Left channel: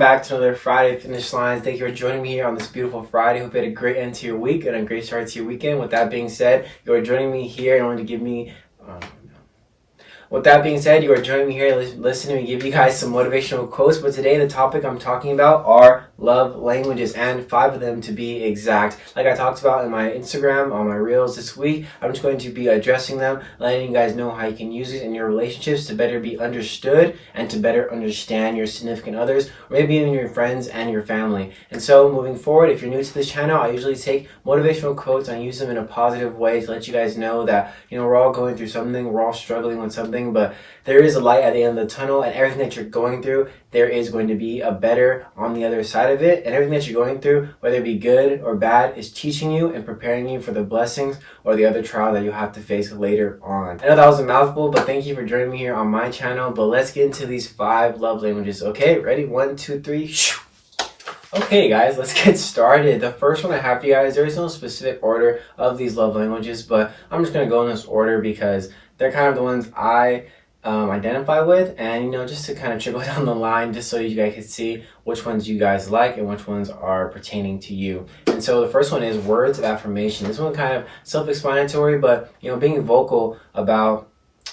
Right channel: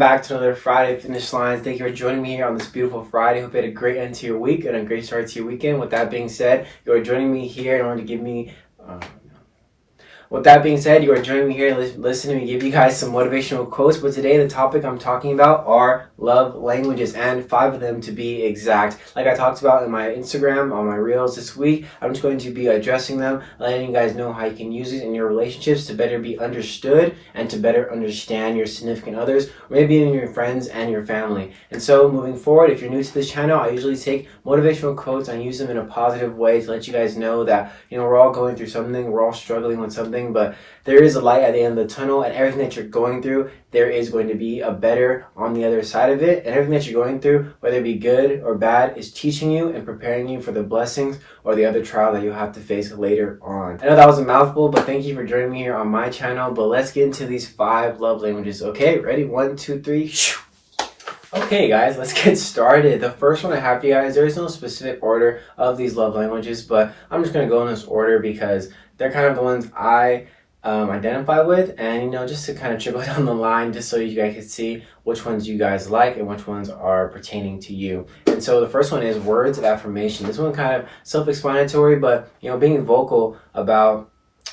back to another Friday Finish Lines. Thank you for joining me here on this beautiful Friday. Hope you had a great end to your week and a great start to your weekend. With that being said, you are joining me here in order to give me... With that being said, you are joining me here listening to me give you guys some motivational quotes. But today, the topic I'm talking about are love languages, and 5 of them to be exact. Like I talked about in my Instagram, on my Reels this week, I'm just going to be addressing them, letting you guys know how you can use it in your relationships to better be understood and to better understand your significant others, or maybe even your friends and your family. And so, moving forward, if you're new to this channel, I usually take motivational quotes and use them in a positive way to let you guys know that, we're all going through something, we're all struggling with something, but there is a light at the end of the tunnel, and everything that you're going through, there is going to be a better on the other side of it. And everything that you're going through, whether it be good or bad, is teaching you and preparing you for the blessings or the other trial that you'll have to face later on. I know that was a mouthful, but thank you for joining me here on my channel. But let's get into these 5 love languages. Okay, ready? 1, 2, 3. Okay guys, let's get started. The first one I have for you guys, there is no specific order of these love languages, but I'm just going to go in this order because they're kind of the ones I identify with, and just to kind of trickle down the line, just so you guys can see which ones you guys like and which ones are pertaining to you. And so the first one is words of affirmation. This one kind of self-explanatory, but being vocal about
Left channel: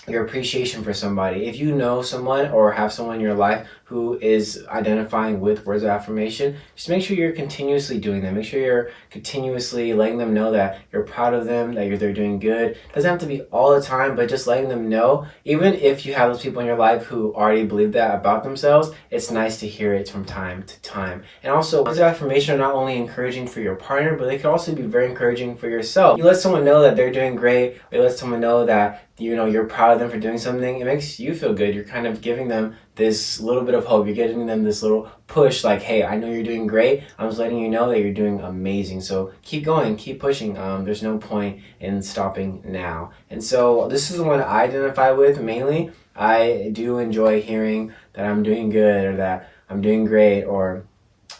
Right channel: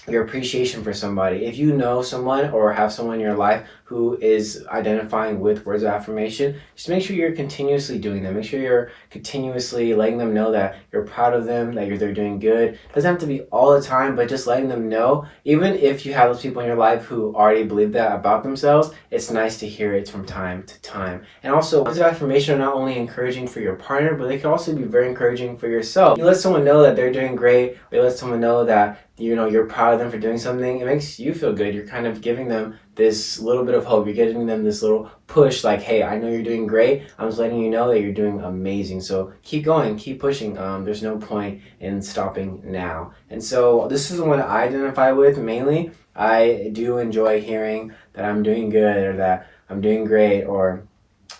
your appreciation for somebody. If you know someone or have someone in your life who is identifying with words of affirmation, just make sure you're continuously doing them. Make sure you're continuously letting them know that you're proud of them, that they're doing good. It doesn't have to be all the time, but just letting them know. Even if you have those people in your life who already believe that about themselves, it's nice to hear it from time to time. And also, words of affirmation are not only encouraging for your partner, but they can also be very encouraging for yourself. You let someone know that they're doing great, or you let someone know that you're proud of them for doing something. It makes you feel good. You're kind of giving them this little bit of hope. You're giving them this little push, like, hey, I know you're doing great. I'm just letting you know that you're doing amazing. So keep going, keep pushing. There's no point in stopping now. And so this is the one I identify with mainly. I do enjoy hearing that I'm doing good, or that I'm doing great, or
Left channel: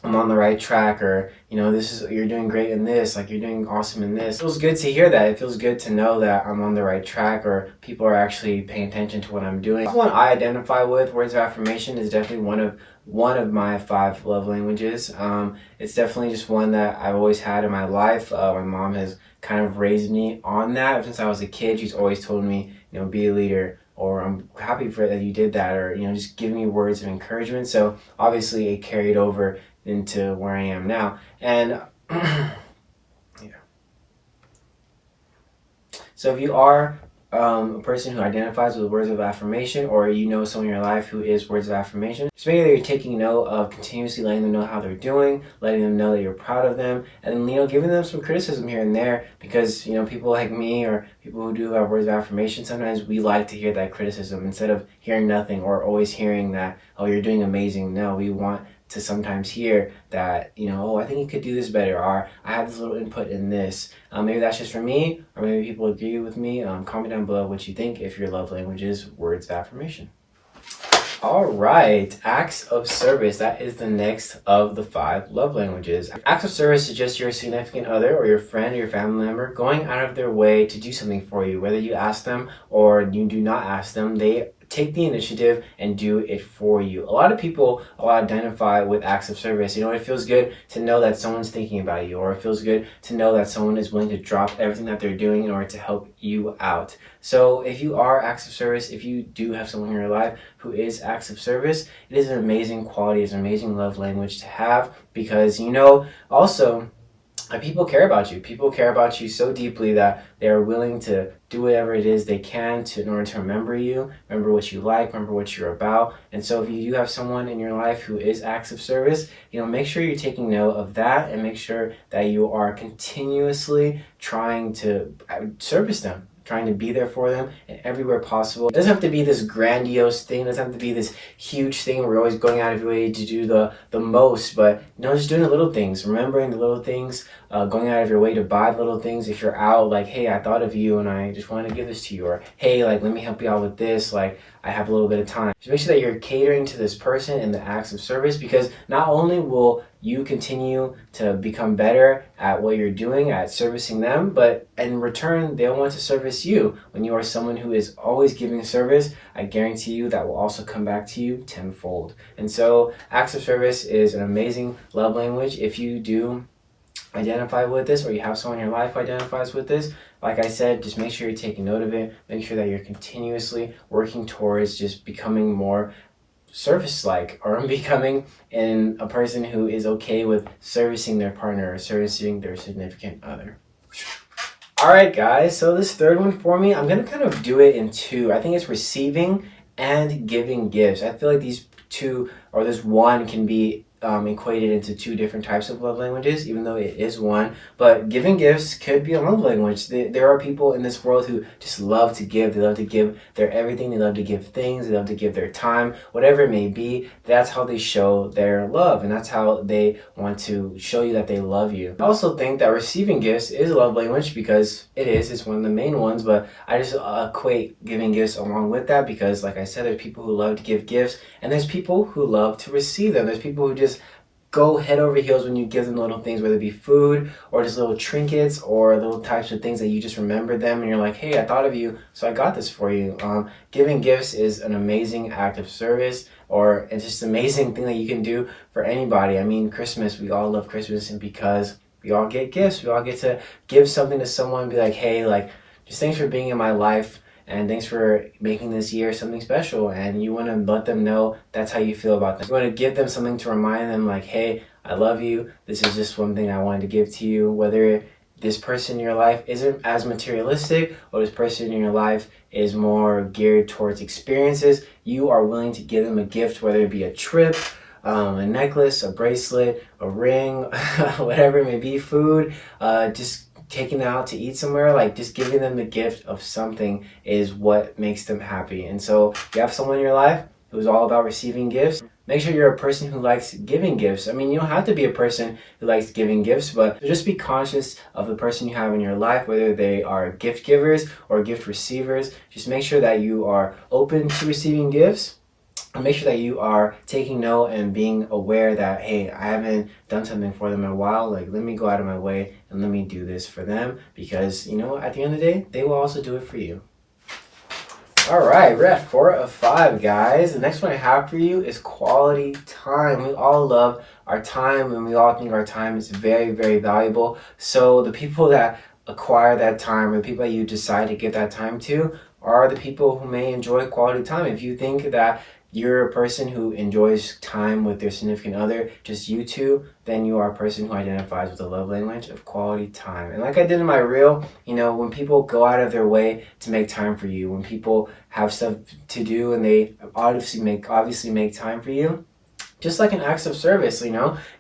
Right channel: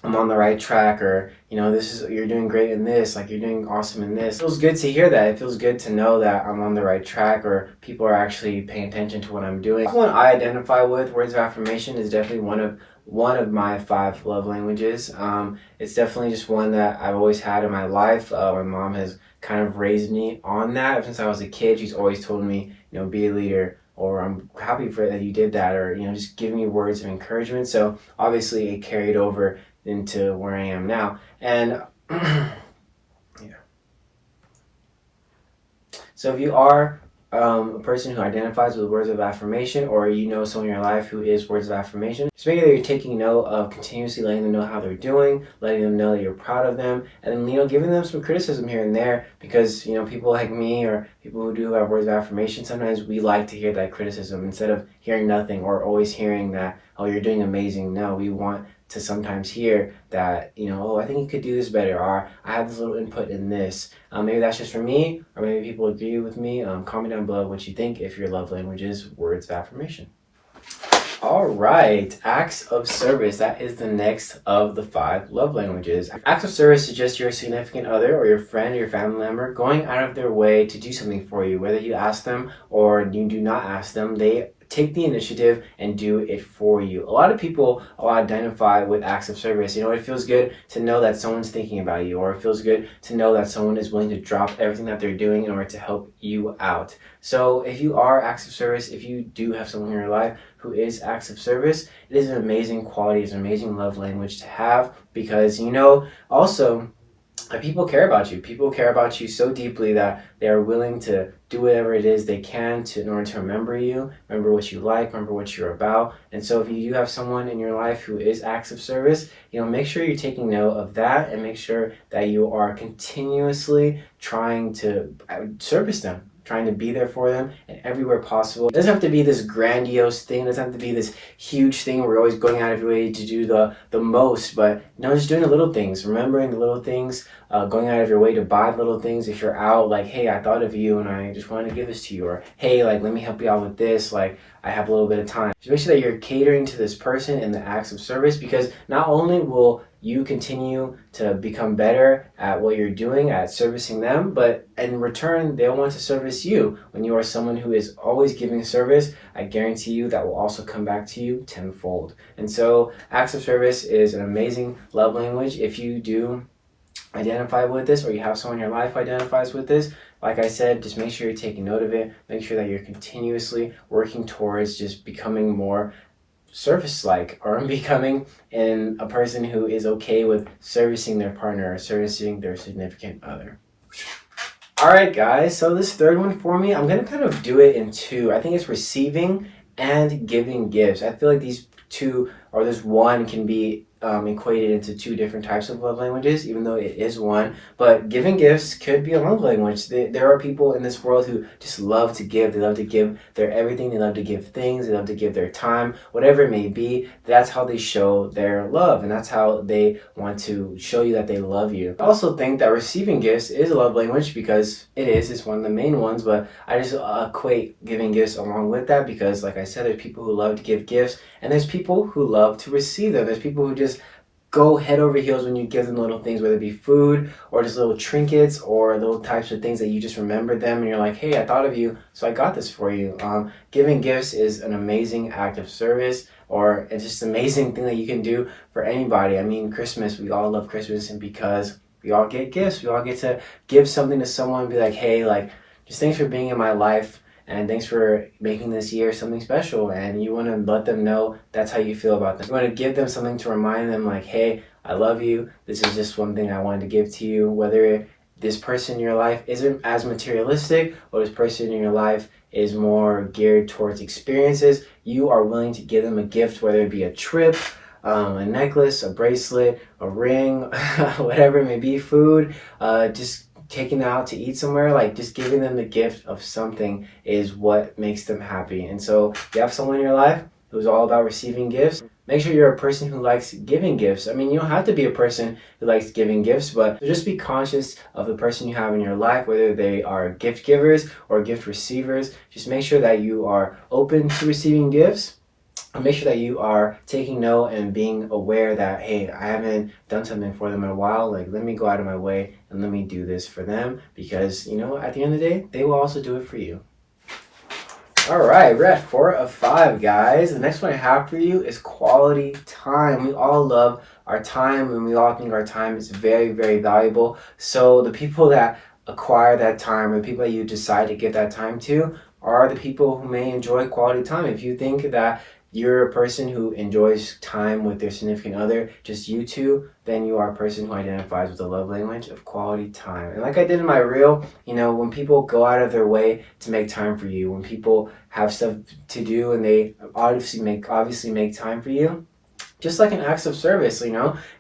I'm on the right track, or you're doing great in this, like you're doing awesome in this. It feels good to hear that. It feels good to know that I'm on the right track, or people are actually paying attention to what I'm doing. The one I identify with, words of affirmation, is definitely one of my 5 love languages. It's definitely just one that I've always had in my life. My mom has kind of raised me on that since I was a kid. She's always told me, be a leader, or I'm happy for that you did that, or just giving me words of encouragement. So obviously it carried over into where I am now. And yeah. So if you are a person who identifies with words of affirmation, or someone in your life who is words of affirmation, just make sure that you're taking note of continuously letting them know how they're doing, letting them know that you're proud of them, and giving them some criticism here and there, because people like me, or people who do have words of affirmation, sometimes we like to hear that criticism instead of hearing nothing, or always hearing that, oh, you're doing amazing. No, we want to sometimes hear that, oh, I think you could do this better, or I have this little input in this. Maybe that's just for me, or maybe people agree with me. Comment down below what you think if your love language is words of affirmation. All right, acts of service. That is the next of the 5 love languages. Acts of service is just your significant other, or your friend, or your family member going out of their way to do something for you. Whether you ask them or you do not ask them, they take the initiative and do it for you. A lot of people identify with acts of service. It feels good to know that someone's thinking about you, or it feels good to know that someone is willing to drop everything that they're doing in order to help you out. So if you are acts of service, if you do have someone in your life who is acts of service, it is an amazing quality, it's an amazing love language to have, because also people care about you. People care about you so deeply that they are willing to do whatever it is they can in order to remember you, remember what you like, remember what you're about. And so if you do have someone in your life who is acts of service, make sure you're taking note of that, and make sure that you are continuously trying to service them, trying to be there for them in everywhere possible. It doesn't have to be this grandiose thing. It doesn't have to be this huge thing where you're always going out of your way to do the most, but just doing the little things, remembering the little things, going out of your way to buy little things. If you're out, like, hey, I thought of you and I just wanted to give this to you, or hey, like, let me help you out with this, like, I have a little bit of time. Just make sure that you're catering to this person in the acts of service, because not only will you continue to become better at what you're doing, at servicing them, but in return, they'll want to service you. When you are someone who is always giving service, I guarantee you that will also come back to you tenfold. And so acts of service is an amazing love language. If you do identify with this, or you have someone in your life who identifies with this, like I said, just make sure you're taking note of it. Make sure that you're continuously working towards just becoming more service-like, or becoming a person who is okay with servicing their partner or servicing their significant other. All right, guys, so this third one for me, I'm going to kind of do it in two. I think it's receiving and giving gifts. I feel like these two, or this one, can be equated into two different types of love languages, even though it is one. But giving gifts could be a love language. There are people in this world who just love to give. They love to give their everything. They love to give things. They love to give their time, whatever it may be. That's how they show their love, and that's how they want to show you that they love you. I also think that receiving gifts is a love language, because it's one of the main ones, but I just equate giving gifts along with that, because like I said, there's people who love to give gifts, and there's people who love to receive them. There's people who just go head over heels when you give them little things, whether it be food or just little trinkets or little types of things that you just remember them and you're like, hey, I thought of you, so I got this for you. Giving gifts is an amazing act of service, or it's just an amazing thing that you can do for anybody. I mean, Christmas, we all love Christmas, and because we all get gifts, we all get to give something to someone and be like, hey, like, just thanks for being in my life. And thanks for making this year something special. And you want to let them know that's how you feel about them. You want to give them something to remind them, like, hey, I love you. This is just one thing I wanted to give to you. Whether this person in your life isn't as materialistic, or this person in your life is more geared towards experiences, you are willing to give them a gift, whether it be a trip, a necklace, a bracelet, a ring, whatever it may be, food, just taking them out to eat somewhere, like just giving them the gift of something is what makes them happy. And so if you have someone in your life who's all about receiving gifts, make sure you're a person who likes giving gifts. I mean, you don't have to be a person who likes giving gifts, but just be conscious of the person you have in your life, whether they are gift givers or gift receivers. Just make sure that you are open to receiving gifts. And make sure that you are taking note and being aware that, hey, I haven't done something for them in a while. Like, let me go out of my way and let me do this for them, because, at the end of the day, they will also do it for you. All right, we're at 4 of 5, guys. The next one I have for you is quality time. We all love our time, and we all think our time is very, very valuable. So the people that acquire that time, or the people that you decide to give that time to, are the people who may enjoy quality time. If you think that you're a person who enjoys time with their significant other, just you two, then you are a person who identifies with the love language of quality time. And like I did in my reel, when people go out of their way to make time for you, when people have stuff to do and they obviously make time for you, just like an act of service,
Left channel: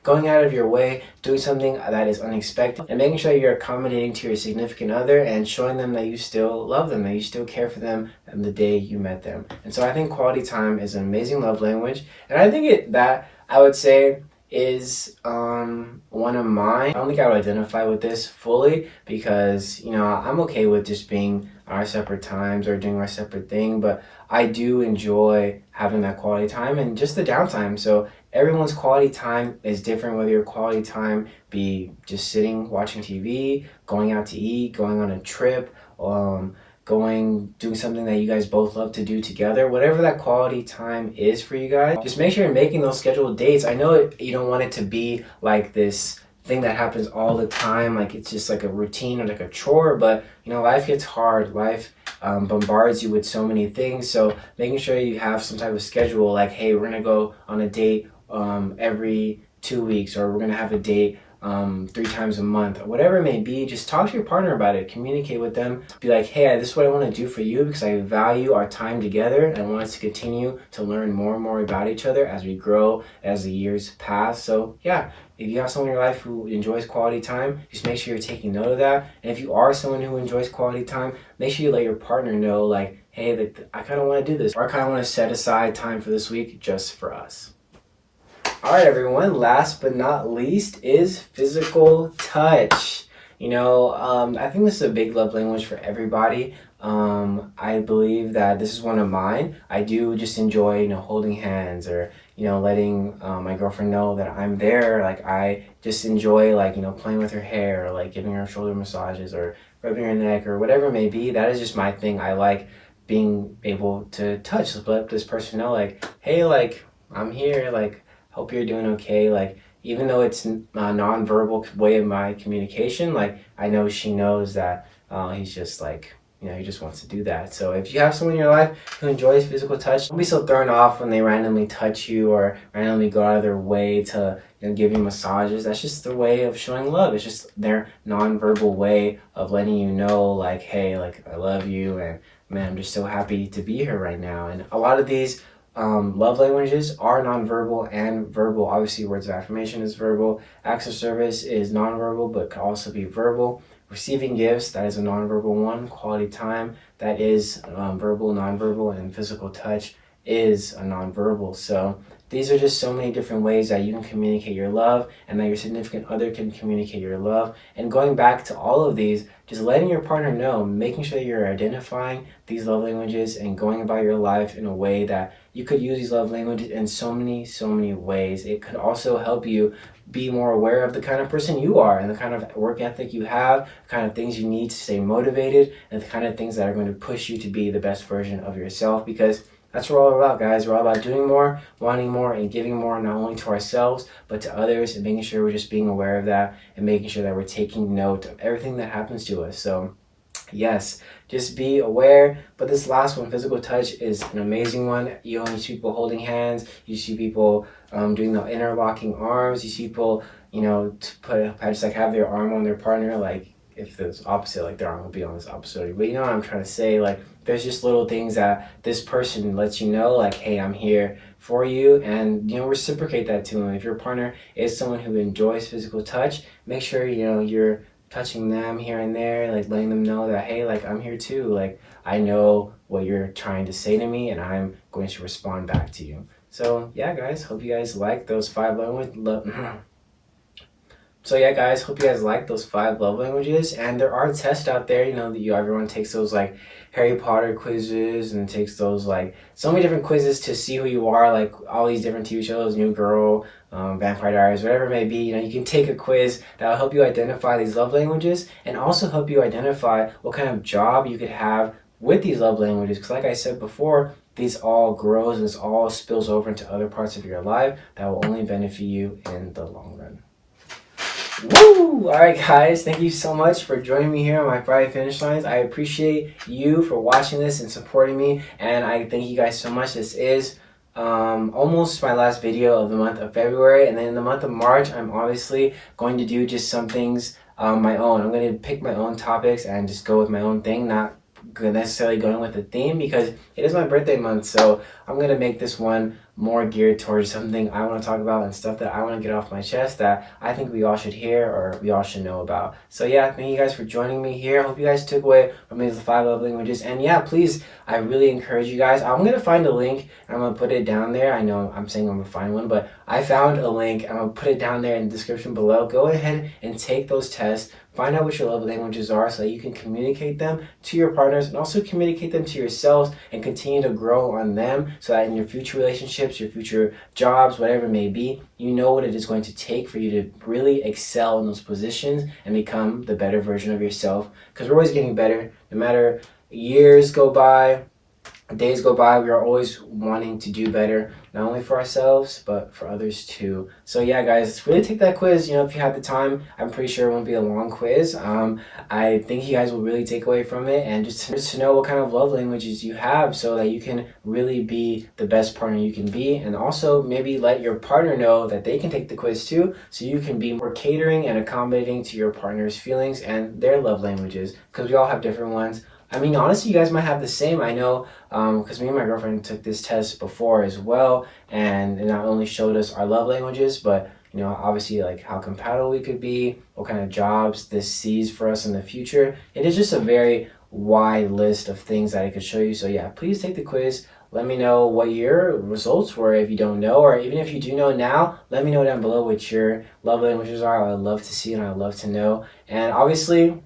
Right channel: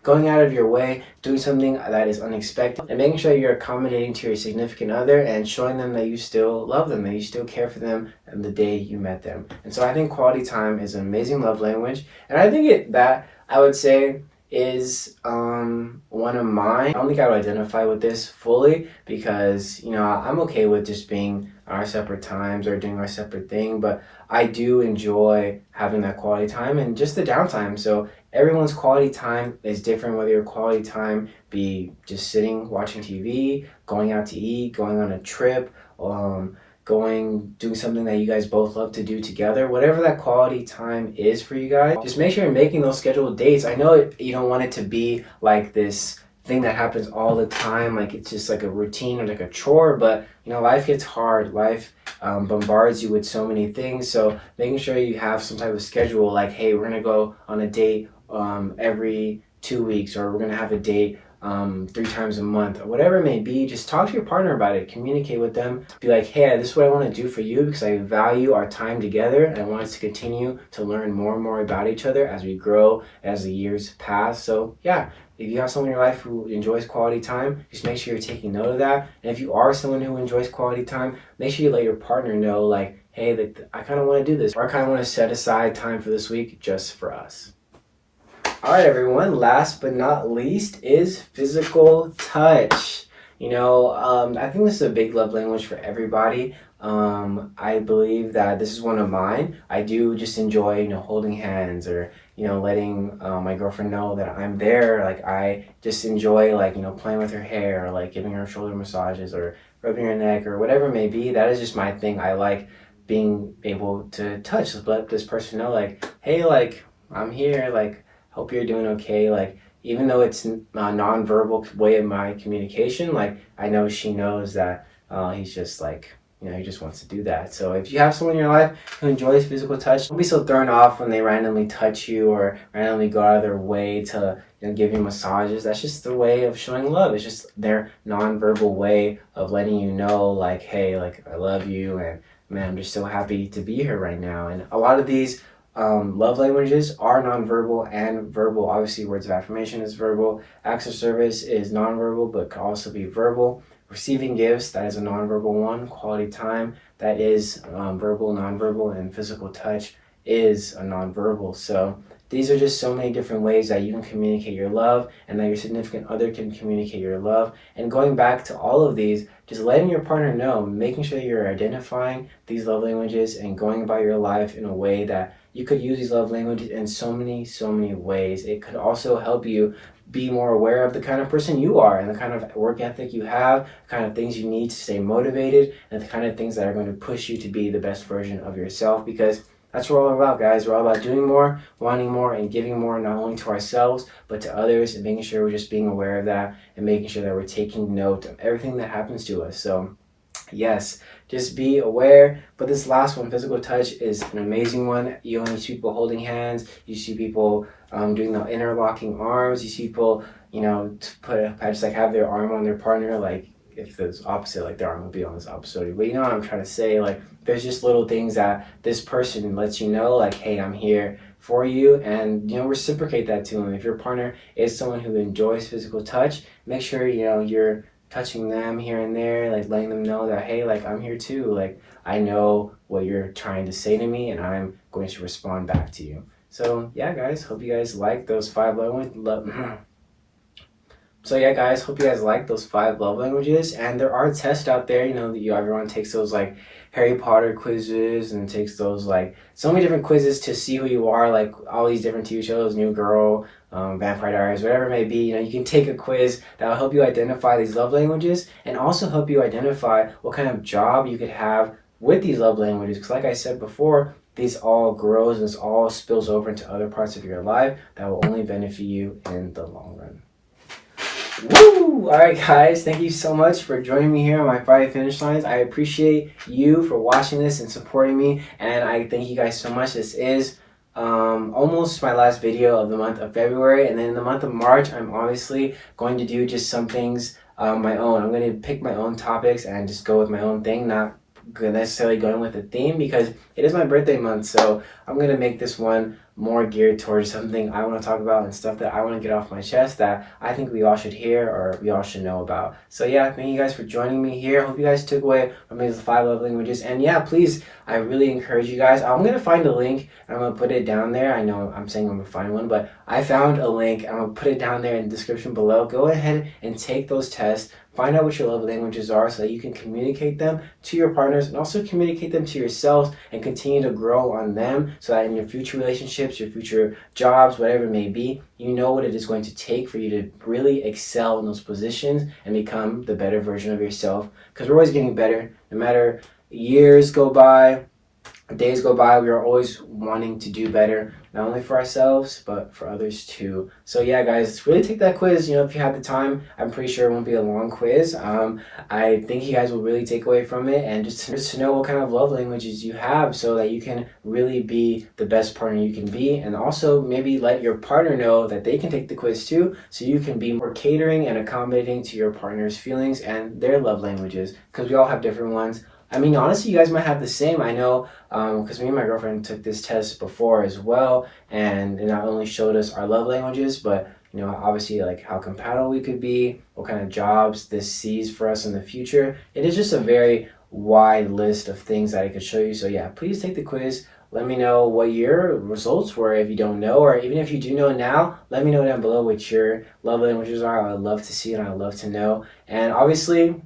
going out of your way, doing something that is unexpected, and making sure you're accommodating to your significant other and showing them that you still love them, that you still care for them on the day you met them. And so I think quality time is an amazing love language. And I think that I would say is one of mine. I don't think I would identify with this fully, because I'm okay with just being on our separate times or doing our separate thing, but I do enjoy having that quality time and just the downtime. So everyone's quality time is different, whether your quality time be just sitting watching TV, going out to eat, going on a trip, doing something that you guys both love to do together. Whatever that quality time is for you guys, just make sure you're making those scheduled dates. I know you don't want it to be like this thing that happens all the time, like it's just like a routine or like a chore, but life gets hard. Life bombards you with so many things. So making sure you have some type of schedule, like, hey, we're gonna go on a date every 2 weeks, or we're gonna have a date 3 times a month, or whatever it may be. Just talk to your partner about it, communicate with them, be like, hey, this is what I want to do for you, because I value our time together and I want us to continue to learn more and more about each other as we grow, as the years pass. So yeah, if you have someone in your life who enjoys quality time, just make sure you're taking note of that. And if you are someone who enjoys quality time, make sure you let your partner know, like, hey, I kind of want to do this, or I kind of want to set aside time for this week just for us. All right, everyone, last but not least is physical touch. I think this is a big love language for everybody. I believe that this is one of mine. I do just enjoy, holding hands, or letting my girlfriend know that I'm there. Like, I just enjoy, like, playing with her hair, or like giving her shoulder massages, or rubbing her neck, or whatever it may be. That is just my thing. I like being able to touch, let this person know, like, hey, like, I'm here, like, hope you're doing okay. Like, even though it's a non-verbal way of my communication, like, I know she knows that he's just like, he just wants to do that. So if you have someone in your life who enjoys physical touch, don't be so thrown off when they randomly touch you or randomly go out of their way to give you massages. That's just the way of showing love. It's just their non-verbal way of letting you know, like, hey, like, I love you, and man, I'm just so happy to be here right now. And a lot of these love languages are nonverbal and verbal. Obviously, words of affirmation is verbal. Acts of service is nonverbal, but could also be verbal. Receiving gifts, that is a nonverbal one. Quality time, that is verbal, nonverbal, and physical touch is a nonverbal. So these are just so many different ways that you can communicate your love, and that your significant other can communicate your love. And going back to all of these, just letting your partner know, making sure you're identifying these love languages and going about your life in a way that you could use these love languages in so many ways. It could also help you be more aware of the kind of person you are, and the kind of work ethic you have, the kind of things you need to stay motivated, and the kind of things that are going to push you to be the best version of yourself. Because that's what we're all about, guys. We're all about doing more, wanting more, and giving more, not only to ourselves, but to others, and making sure we're just being aware of that, and making sure that we're taking note of everything that happens to us. So yes, just be aware. But this last one, physical touch, is an amazing one. You only see people holding hands. You see people doing the interlocking arms. You see people, just like have their arm on their partner, like if it's opposite, like their arm will be on this opposite. But you know what I'm trying to say? Like, there's just little things that this person lets you know, like, hey, I'm here for you, and reciprocate that to them. If your partner is someone who enjoys physical touch, make sure you're touching them here and there, like letting them know that, hey, like, I'm here too. Like, I know what you're trying to say to me, and I'm going to respond back to you. So yeah, guys, hope you guys like those 5 languages. So yeah, guys, hope you guys like those 5 love languages. And there are tests out there, that everyone takes those like Harry Potter quizzes, and takes those like so many different quizzes to see who you are, like all these different TV shows, New Girl, Vampire Diaries, whatever it may be. You can take a quiz that will help you identify these love languages, and also help you identify what kind of job you could have with these love languages. Because like I said before, these all grows, and this all spills over into other parts of your life that will only benefit you in the long run. Woo! All right, guys, thank you so much for joining me here on my Friday Finish Lines. I appreciate you for watching this and supporting me, and I thank you guys so much. This is almost my last video of the month of February, and then in the month of March, I'm obviously going to do just some things my own. I'm going to pick my own topics and just go with my own thing, not necessarily going with a theme, because it is my birthday month. So I'm going to make this one more geared towards something I want to talk about and stuff that I want to get off my chest that I think we all should hear, or we all should know about. So yeah, thank you guys for joining me here. Hope you guys took away from these 5 love languages. And yeah, please, I really encourage you guys. I'm going to find a link, and I'm going to put it down there. I know I'm saying I'm going to find one, but I found a link. I'm going to put it down there in the description below. Go ahead and take those tests. Find out what your love languages are, so that you can communicate them to your partners, and also communicate them to yourselves, and continue to grow on them, so that in your future relationships, your future jobs, whatever it may be, you know what it is going to take for you to really excel in those positions and become the better version of yourself. Because we're always getting better. No matter years go by, days go by, we are always wanting to do better, not only for ourselves, but for others too. So yeah, guys, really take that quiz. If you have the time, I'm pretty sure it won't be a long quiz. I think you guys will really take away from it, and just to know what kind of love languages you have, so that you can really be the best partner you can be. And also maybe let your partner know that they can take the quiz too, so you can be more catering and accommodating to your partner's feelings and their love languages, because we all have different ones. I mean, honestly, you guys might have the same. I know, because me and my girlfriend took this test before as well, and it not only showed us our love languages, but obviously, like, how compatible we could be, what kind of jobs this sees for us in the future. It is just a very wide list of things that I could show you. So yeah, please take the quiz. Let me know what your results were if you don't know, or even if you do know now, let me know down below what your love languages are. I would love to see, and I would love to know. And obviously,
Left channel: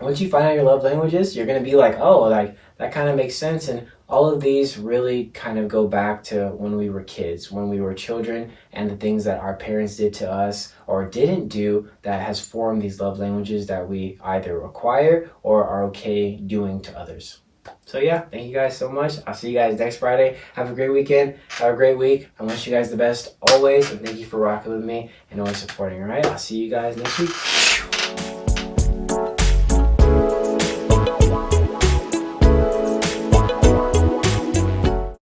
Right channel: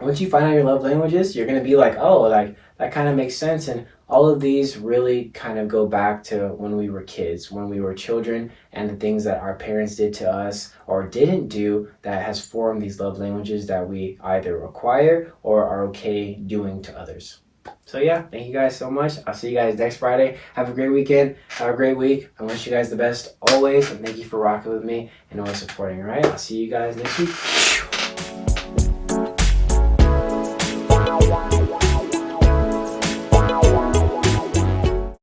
once you find out your love languages, you're going to be like, oh, like that kind of makes sense. And all of these really kind of go back to when we were kids, when we were children, and the things that our parents did to us or didn't do that has formed these love languages that we either acquire or are okay doing to others. So yeah, thank you guys so much. I'll see you guys next Friday. Have a great weekend. Have a great week. I wish you guys the best always. And thank you for rocking with me and always supporting, all right? I'll see you guys next week.